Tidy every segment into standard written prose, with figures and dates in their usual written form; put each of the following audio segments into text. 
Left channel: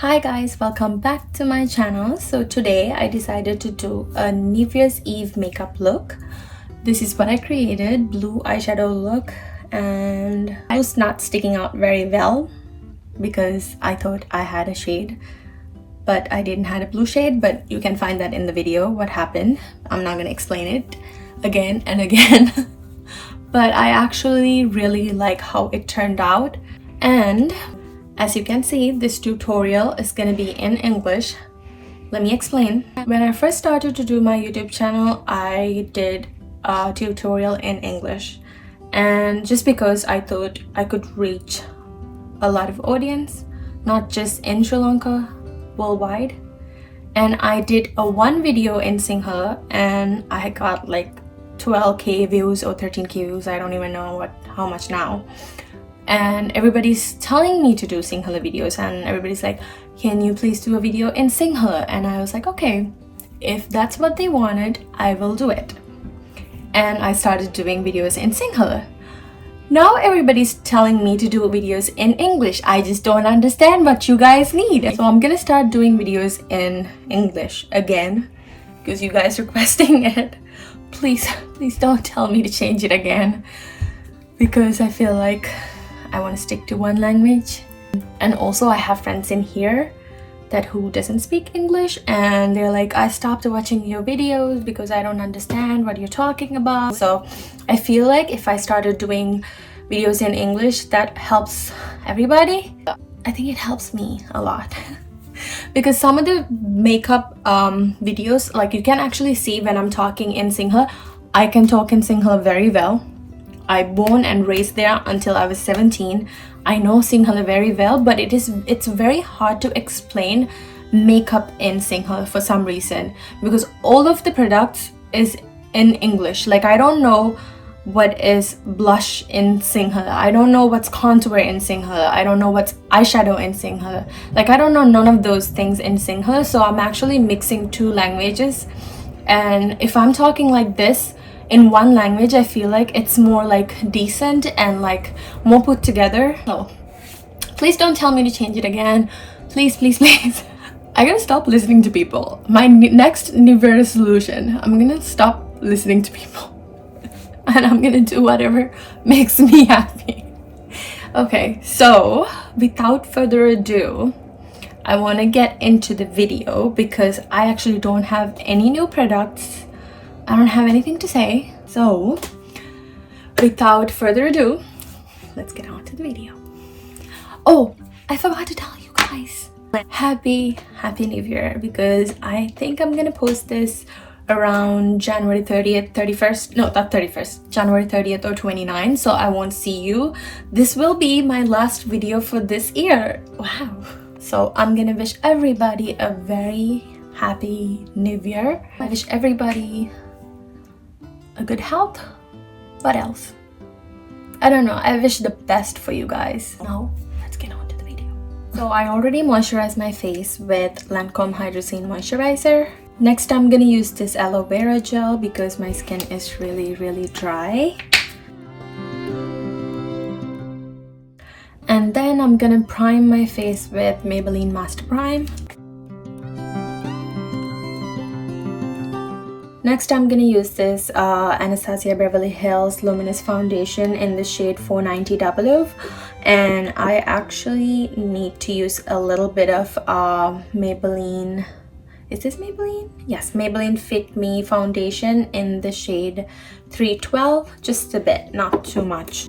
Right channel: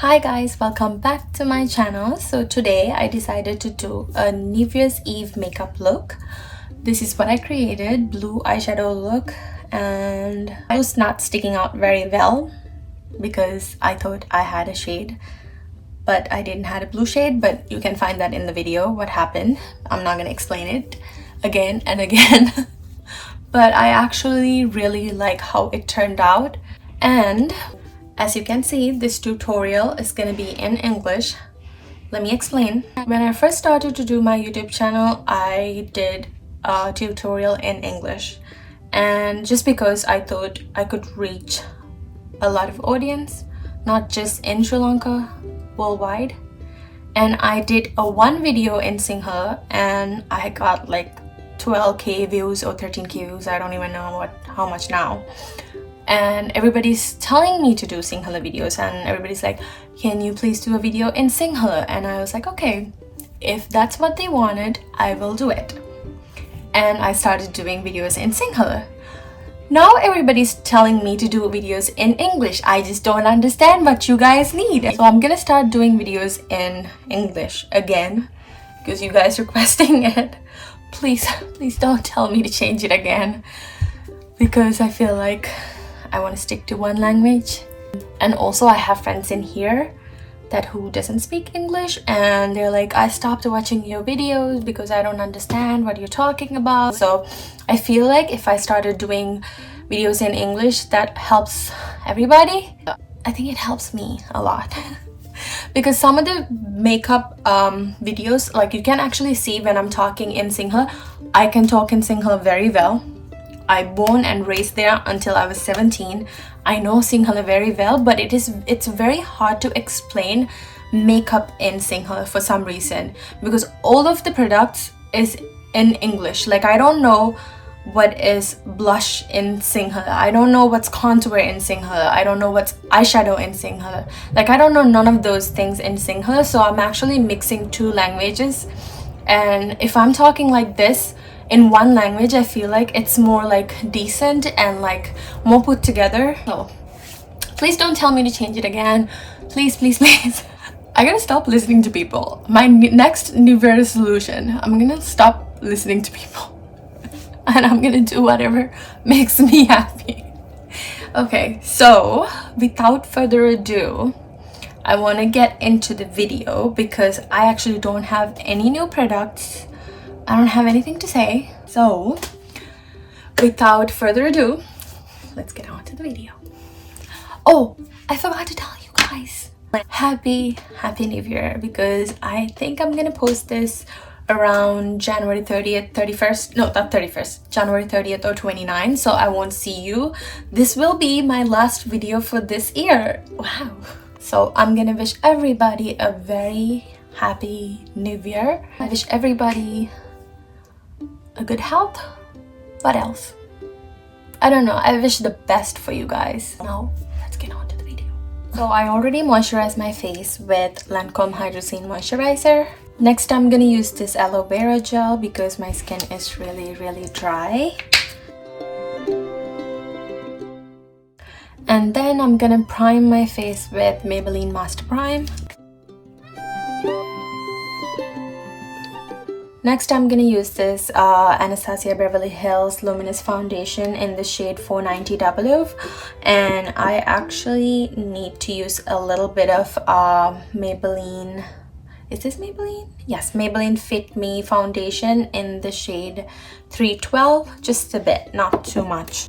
Hi guys, welcome back to my channel. So today I decided to do a New Year's Eve makeup look. This is what I created, blue eyeshadow look, and I was not sticking out very well because I thought I had a shade, but I didn't have a blue shade, but you can find that in the video what happened. I'm not gonna explain it again and again. But I actually really like how it turned out. And as you can see, this tutorial is going to be in English. Let me explain. When I first started to do my YouTube channel, I did a tutorial in English. And just because I thought I could reach a lot of audience, not just in Sri Lanka, worldwide. And I did one video in Sinhala and I got like 12k views or 13k views. I don't even know how much now. And everybody's telling me to do Sinhala videos, and everybody's like, can you please do a video in Sinhala? And I was like, okay, if that's what they wanted, I will do it. And I started doing videos in Sinhala. Now everybody's telling me to do videos in English. I just don't understand what you guys need. So I'm gonna start doing videos in English again because you guys requesting it. Please don't tell me to change it again, because I feel like I want to stick to one language. And also I have friends in here who doesn't speak English, and they're like, I stopped watching your videos because I don't understand what you're talking about. So I feel like if I started doing videos in English, that helps everybody. I think it helps me a lot. Because some of the makeup videos, like you can actually see when I'm talking in Sinhala, I can talk in Sinhala very well. I born and raised there until I was 17. I know Sinhala very well, but it's very hard to explain makeup in Sinhala for some reason, because all of the products is in English. Like I don't know what is blush in Sinhala. I don't know what's contour in Sinhala. I don't know what's eyeshadow in Sinhala. Like I don't know none of those things in Sinhala. So I'm actually mixing two languages. And if I'm talking like this in one language, I feel like it's more like decent and like more put together. So please don't tell me to change it again. Please. I gotta stop listening to people. My next New Year resolution, I'm gonna stop listening to people. And I'm gonna do whatever makes me happy. Okay, so without further ado, I want to get into the video because I actually don't have any new products. I don't have anything to say. So without further ado, let's get on to the video. Oh, I forgot to tell you guys, happy New Year, because I think I'm gonna post this around January 30th, 31st, no, not 31st, January 30th or 29th, so I won't see you. This will be my last video for this year. Wow. So I'm gonna wish everybody a very happy New Year. I wish everybody a good health. What else? I don't know. I wish the best for you guys. Now, let's get on to the video. So I already moisturized my face with Lancôme Hydrogen Moisturizer. Next, I'm gonna use this aloe vera gel because my skin is really dry. And then I'm gonna prime my face with Maybelline Master Prime. Next, I'm gonna use this Anastasia Beverly Hills Luminous Foundation in the shade 490 W. And I actually need to use a little bit of Maybelline. Is this Maybelline? Yes, Maybelline Fit Me foundation in the shade 312. Just a bit, not too much.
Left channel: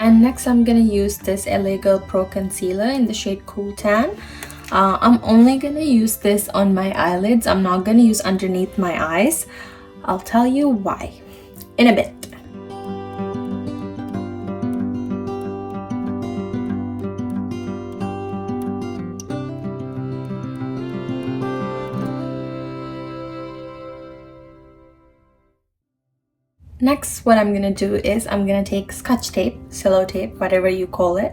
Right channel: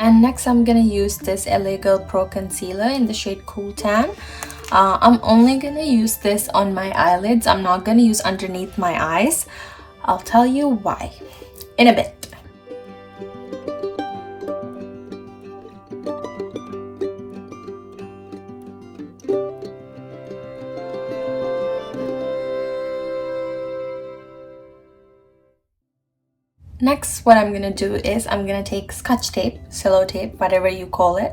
And next I'm gonna use this LA Girl Pro Concealer in the shade Cool Tan. I'm only gonna use this on my eyelids. I'm not gonna use underneath my eyes. I'll tell you why in a bit. Next, what I'm gonna do is I'm gonna take scotch tape, cello tape, whatever you call it,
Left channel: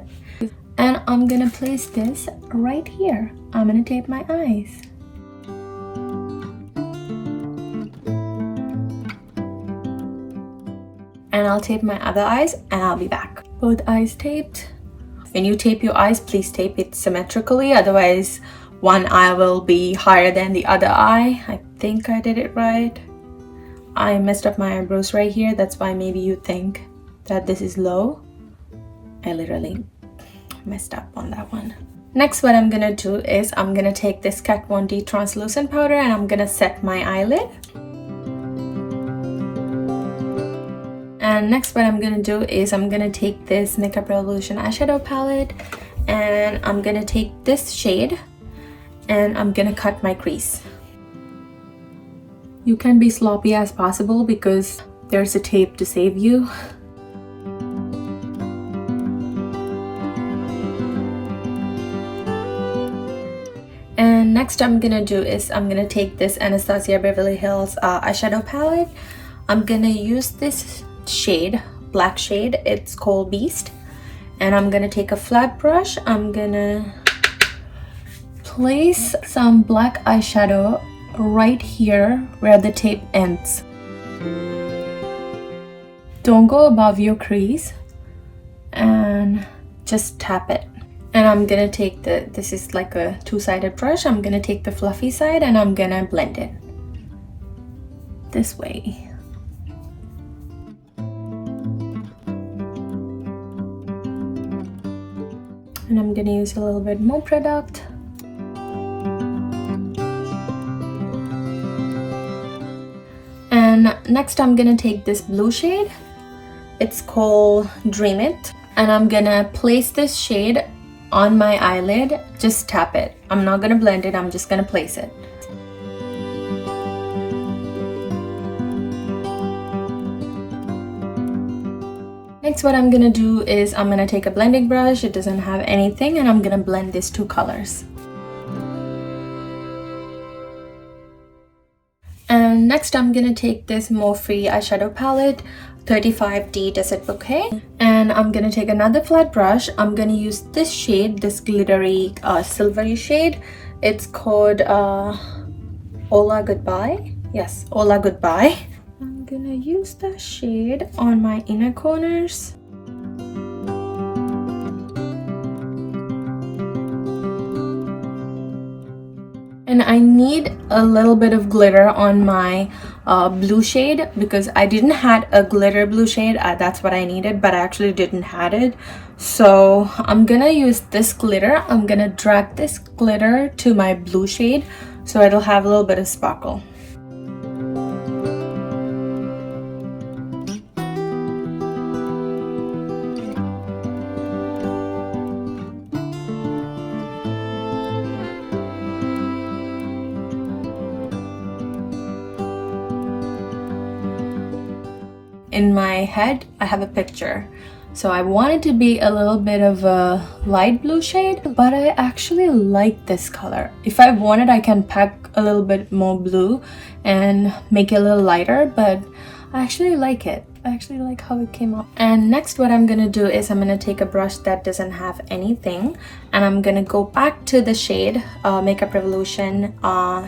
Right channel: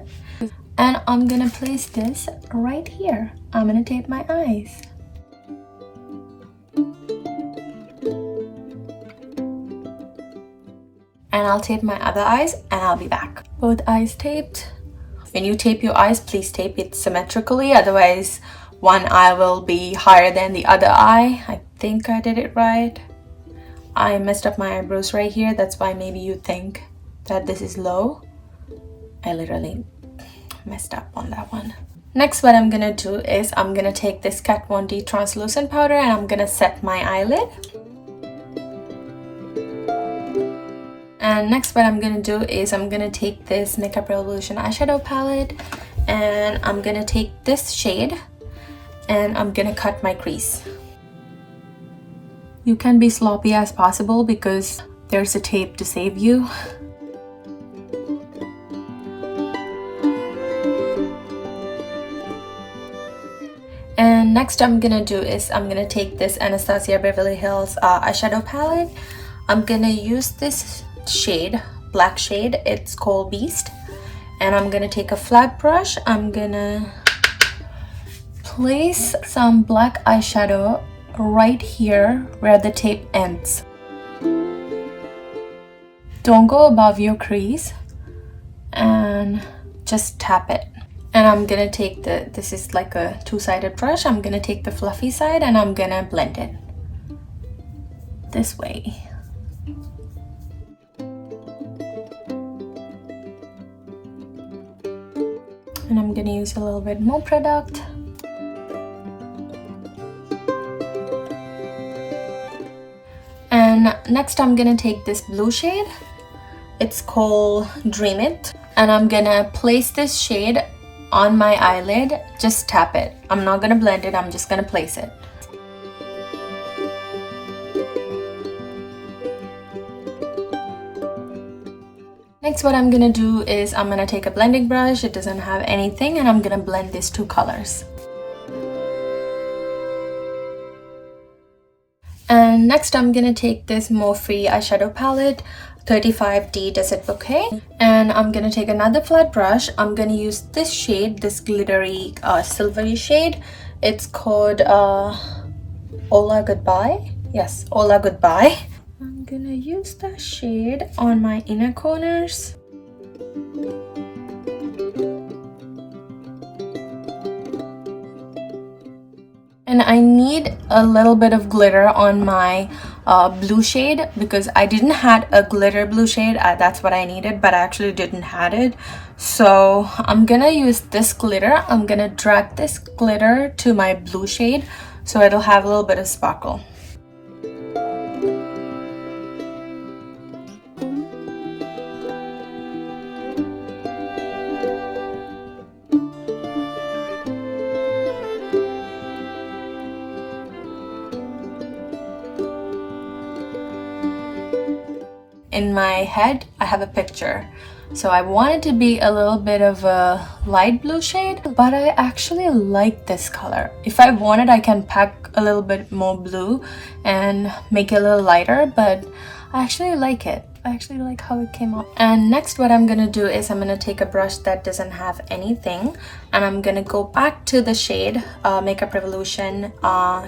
and I'm gonna place this right here. I'm gonna tape my eyes. And I'll tape my other eyes and I'll be back. Both eyes taped. When you tape your eyes, please tape it symmetrically, otherwise one eye will be higher than the other eye. I think I did it right. I messed up my eyebrows right here, that's why maybe you think that this is low. I literally messed up on that one. Next, what I'm gonna do is I'm gonna take this Kat Von D translucent powder and I'm gonna set my eyelid. And next, what I'm gonna do is I'm gonna take this Makeup Revolution eyeshadow palette and I'm gonna take this shade and I'm gonna cut my crease. You can be sloppy as possible because there's a tape to save you. And next I'm gonna do is I'm gonna take this Anastasia Beverly Hills eyeshadow palette. I'm gonna use this shade, black shade, it's called Beast, and I'm gonna take a flat brush. I'm gonna place some black eyeshadow right here where the tape ends. Don't go above your crease and just tap it. And I'm gonna take this is like a two-sided brush. I'm gonna take the fluffy side and I'm gonna blend it this way. And I'm gonna use a little bit more product. And next I'm gonna take this blue shade. It's called Dream It. And I'm gonna place this shade on my eyelid. Just tap it. I'm not gonna blend it, I'm just gonna place it. Next, what I'm gonna do is I'm gonna take a blending brush. It doesn't have anything, and I'm gonna blend these two colors. And next I'm gonna take this Morphe eyeshadow palette 35D Desert Bouquet, and I'm gonna take another flat brush. I'm gonna use this shade, this glittery silvery shade. It's called Hola Goodbye. Yes, Hola Goodbye. I'm gonna use that shade on my inner corners. And I need a little bit of glitter on my blue shade because I didn't had a glitter blue shade. That's what I needed, but I actually didn't had it. So I'm gonna use this glitter. I'm gonna drag this glitter to my blue shade so it'll have a little bit of sparkle. In my head, I have a picture. So I want it to be a little bit of a light blue shade, but I actually like this color. If I wanted, I can pack a little bit more blue and make it a little lighter, but I actually like it. I actually like how it came out. And next, what I'm gonna do is I'm gonna take a brush that doesn't have anything, and I'm gonna go back to the shade, Makeup Revolution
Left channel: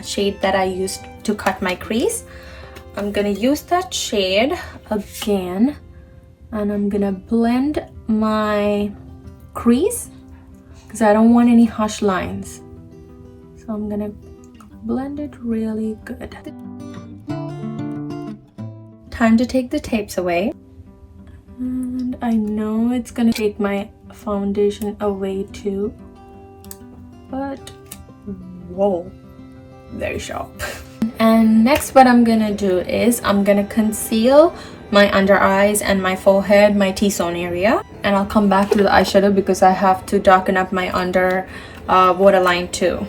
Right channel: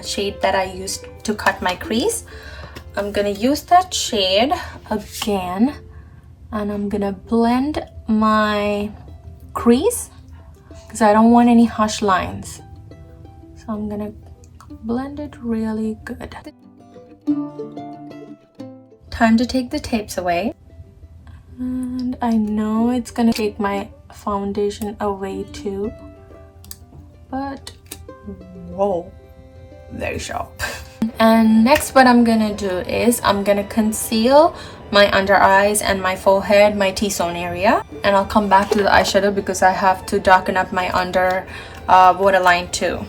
shade that I used to cut my crease. I'm gonna use that shade again and I'm gonna blend my crease because I don't want any harsh lines. So I'm gonna blend it really good. Time to take the tapes away. And I know it's gonna take my foundation away too, but whoa, very sharp. And next, what I'm gonna do is I'm gonna conceal my under eyes and my forehead, my T-zone area, and I'll come back to the eyeshadow because I have to darken up my under waterline too.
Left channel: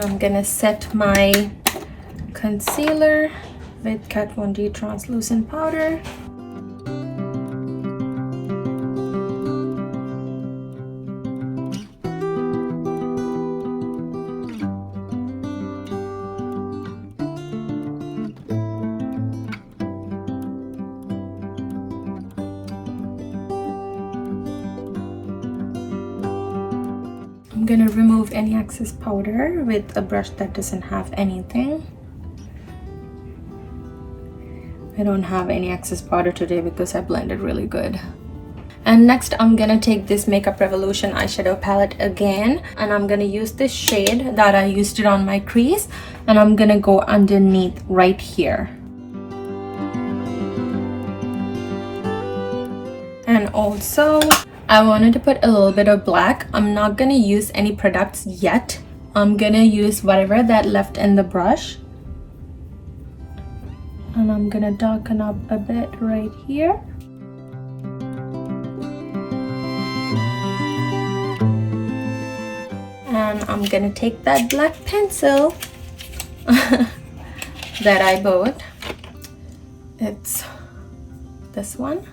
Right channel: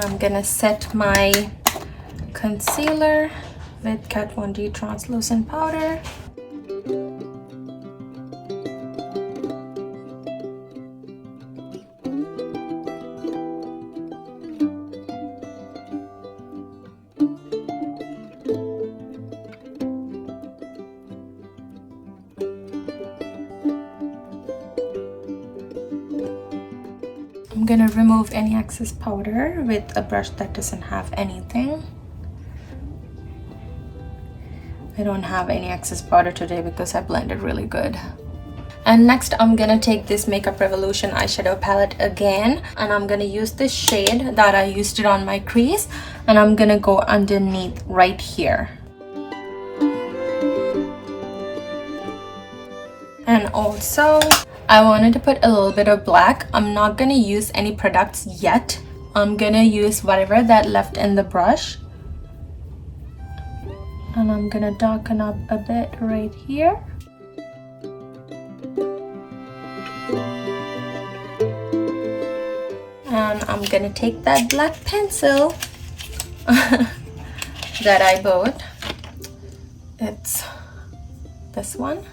I'm gonna set my concealer with Kat Von D translucent powder. I'm gonna remove any excess powder with a brush that doesn't have anything. I don't have any excess powder today because I blended really good. And next I'm gonna take this Makeup Revolution eyeshadow palette again, and I'm gonna use this shade that I used it on my crease, and I'm gonna go underneath right here. And also I wanted to put a little bit of black. I'm not gonna use any products yet. I'm gonna use whatever that left in the brush, and I'm gonna darken up a bit right here. And I'm gonna take that black pencil that I bought. It's this one,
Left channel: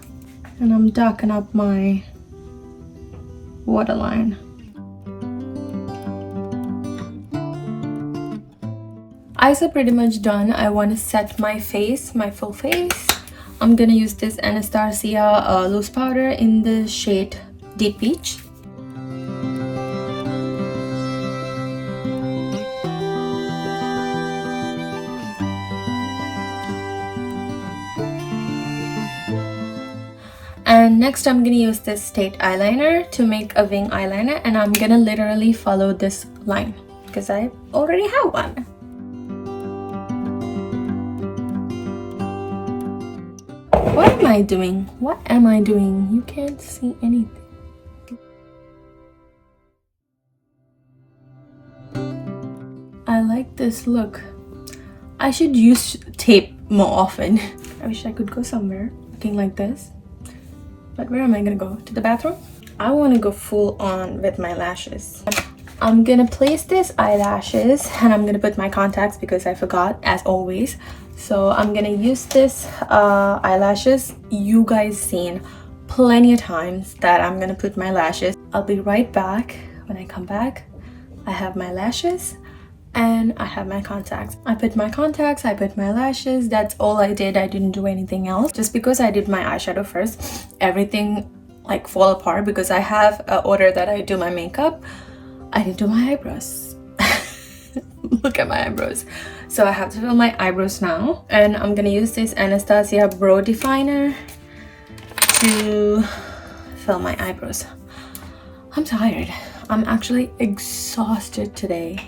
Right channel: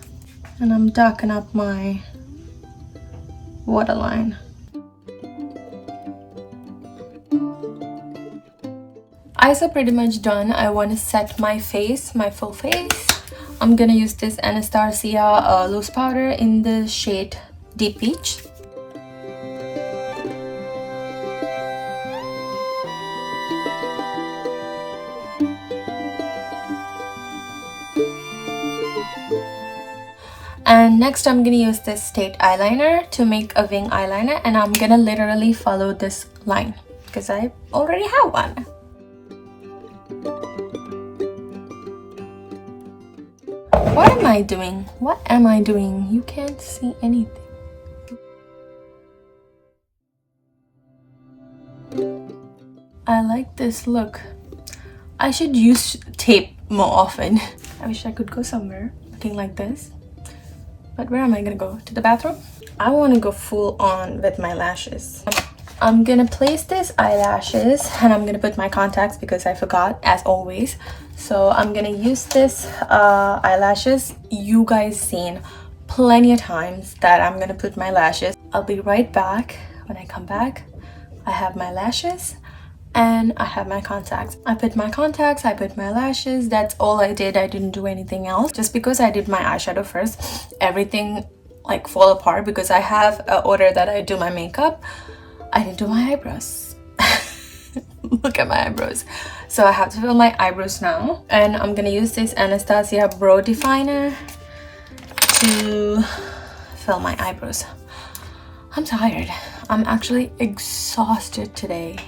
and I'm darkening up my waterline. Eyes are pretty much done. I want to set my face, my full face. I'm gonna use this Anastasia loose powder in the shade Deep Peach. And next I'm gonna use this State eyeliner to make a wing eyeliner, and I'm gonna literally follow this line because I already have one. What am I doing? What am I doing? You can't see anything. I like this look. I should use tape more often. I wish I could go somewhere looking like this. But where am I gonna go? To the bathroom? I want to go full on with my lashes. I'm gonna place this eyelashes, and I'm gonna put my contacts because I forgot, as always. So I'm gonna use this eyelashes. You guys seen plenty of times that I'm gonna put my lashes. I'll be right back. When I come back, I have my lashes and I have my contacts. I put my contacts, I put my lashes. That's all I did. I didn't do anything else. Just because I did my eyeshadow first, everything like fall apart because I have an order that I do my makeup. I didn't do my eyebrows. Look at my eyebrows. So I have to fill my eyebrows now, and I'm gonna use this Anastasia Brow Definer to fill my eyebrows. I'm tired. I'm actually exhausted today.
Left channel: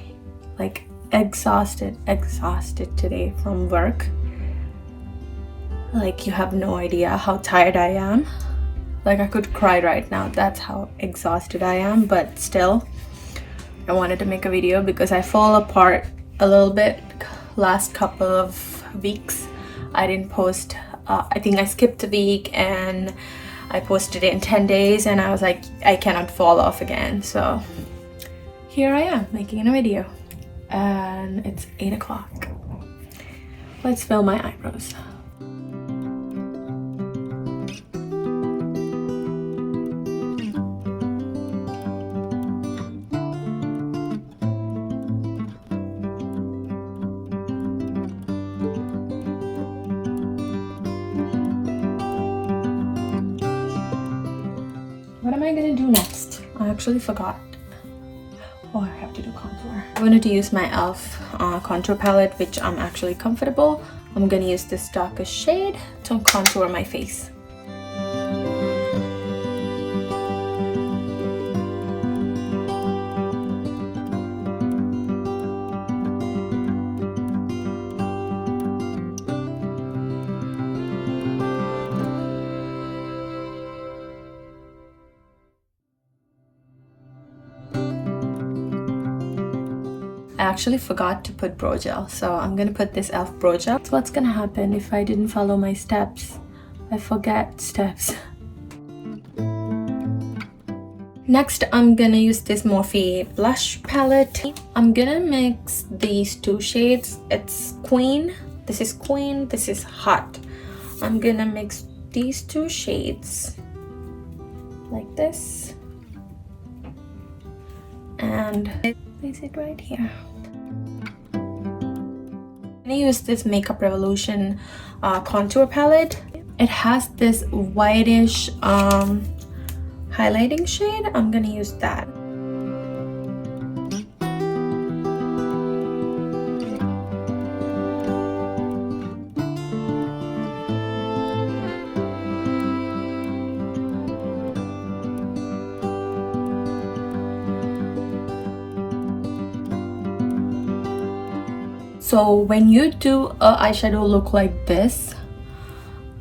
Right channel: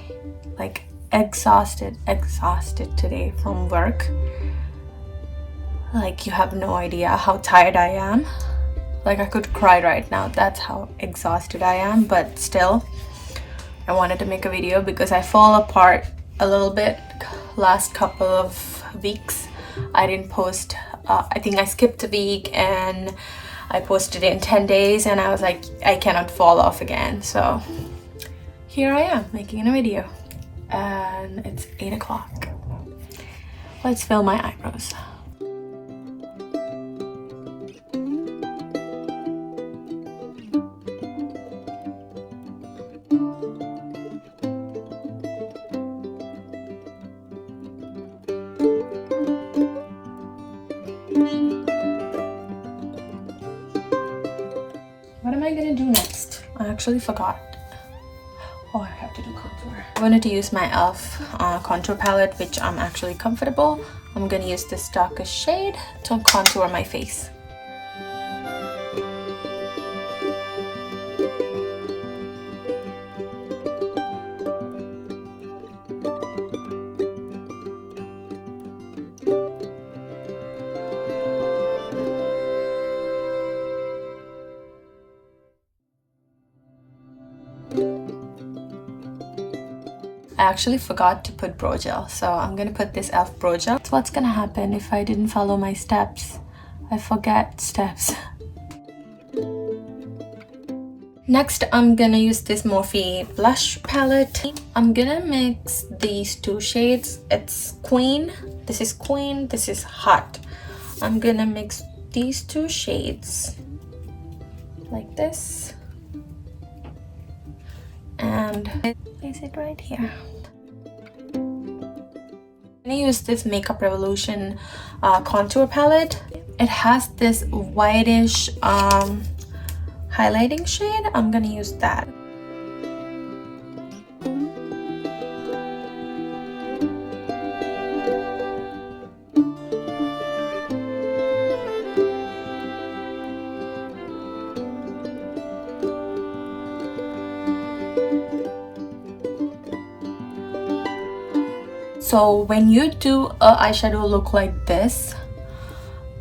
Like exhausted today from work. Like you have no idea how tired I am. Like I could cry right now. That's how exhausted I am. But still, I wanted to make a video because I fall apart a little bit last couple of weeks. I didn't post. I think I skipped a week and I posted it in 10 days, and I was like, I cannot fall off again. So here I am making a video, and it's 8 o'clock. Let's fill my eyebrows. What am I gonna do next? I actually forgot. Oh, I have to do contour. I wanted to use my e.l.f. Contour palette, which I'm actually comfortable. I'm gonna use this darkest shade to contour my face. I actually forgot to put brow gel, so I'm gonna put this e.l.f. brow gel. That's what's gonna happen if I didn't follow my steps. I forget steps. Next, I'm gonna use this Morphe blush palette. I'm gonna mix these two shades. It's Queen. This is Queen. This is Hot. I'm gonna mix these two shades like this and place it right here. I'm gonna use this Makeup Revolution contour palette. It has this whitish highlighting shade. I'm gonna use that. So when you do a eyeshadow look like this,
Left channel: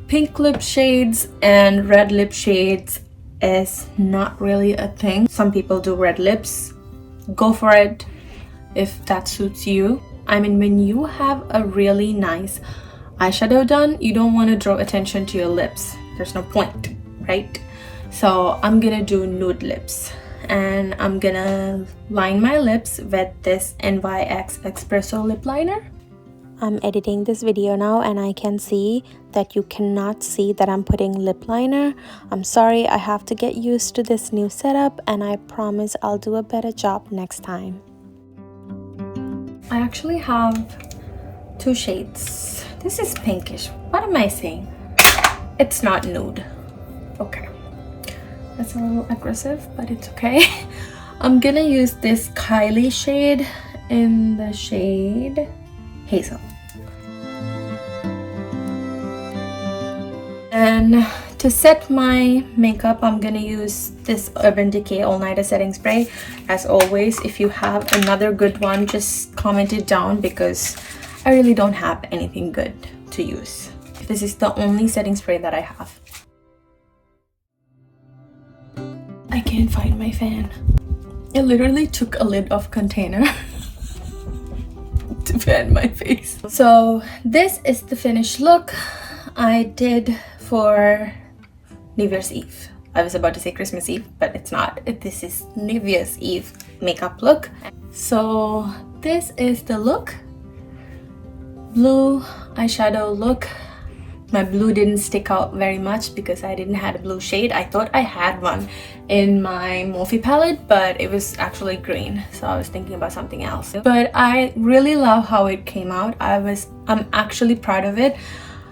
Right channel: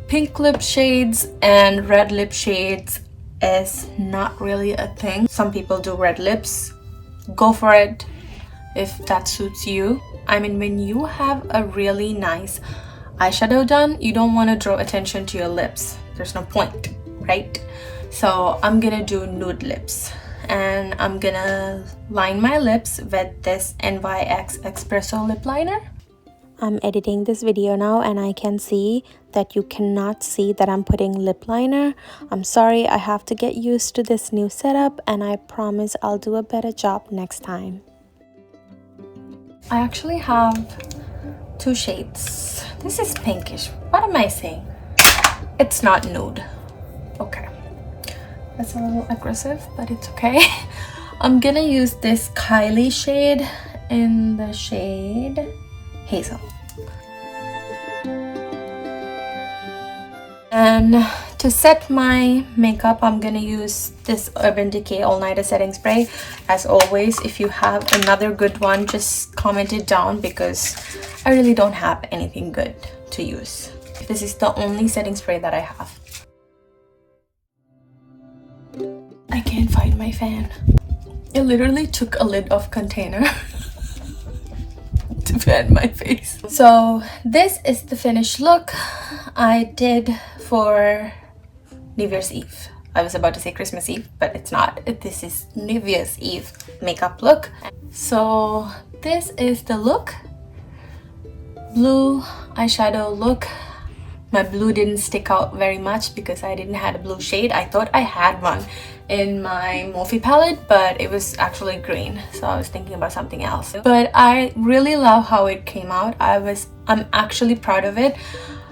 pink lip shades and red lip shades is not really a thing. Some people do red lips. Go for it if that suits you. I mean, when you have a really nice eyeshadow done, you don't want to draw attention to your lips. There's no point, right? So I'm gonna do nude lips, and I'm gonna line my lips with this NYX espresso lip liner. I'm editing this video now and I can see that you cannot see that I'm putting lip liner. I'm sorry, I have to get used to this new setup, and I promise I'll do a better job next time. I actually have two shades. This is pinkish. What am I saying? It's not nude. Okay. That's a little aggressive, but it's okay. I'm gonna use this Kylie shade in the shade Hazel. And to set my makeup, I'm gonna use this Urban Decay All Nighter Setting Spray. As always, if you have another good one, just comment it down because I really don't have anything good to use. This is the only setting spray that I have. I can't find my fan. It literally took a lid of container to fan my face. So this is the finished look I did for New Year's Eve. I was about to say Christmas Eve, but it's not. This is New Year's Eve makeup look. So this is the look. Blue eyeshadow look. My blue didn't stick out very much because I didn't have a blue shade. I thought I had one in my Morphe palette, but it was actually green, so I was thinking about something else. But I really love how it came out. I'm actually proud of it.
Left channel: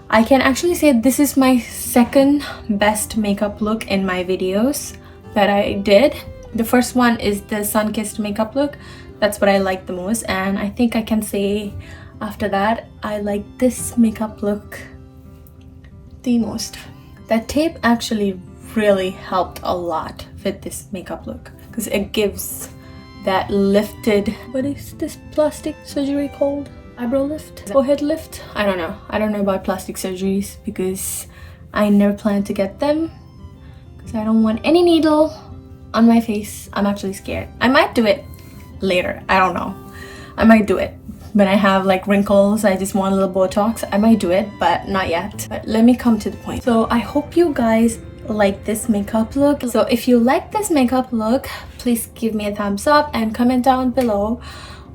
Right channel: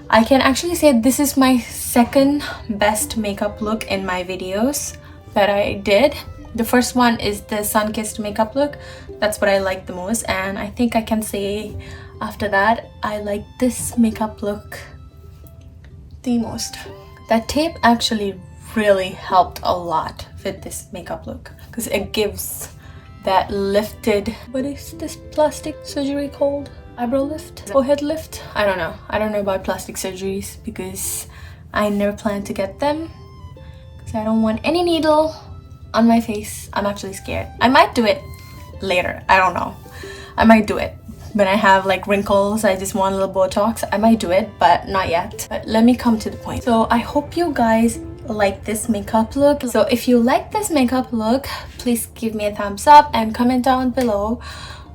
I can actually say this is my second best makeup look in my videos that I did. The first one is the sun-kissed makeup look. That's what I like the most, and I think I can say after that I like this makeup look the most. That tape actually really helped a lot with this makeup look because it gives that lifted, what is this plastic surgery called? Eyebrow lift? Forehead lift? I don't know about plastic surgeries because I never plan to get them because I don't want any needle on my face. I'm actually scared. I might do it later. I don't know. I might do it when I have like wrinkles. I just want a little Botox. I might do it, but not yet. But let me come to the point. So I hope you guys like this makeup look. So if you like this makeup look, please give me a thumbs up and comment down below.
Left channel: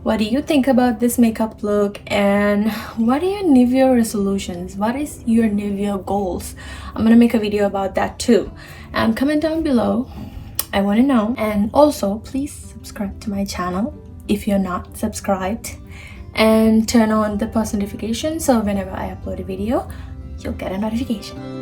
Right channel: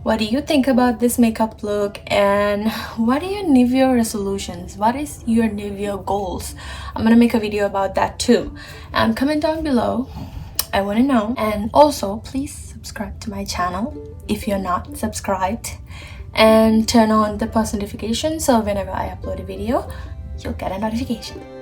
What do you think about this makeup look, and what are your New Year resolutions? What is your New Year goals? I'm gonna make a video about that too, and comment down below. I want to know. And also please subscribe to my channel if you're not subscribed, and turn on the post notification so whenever I upload a video you'll get a notification.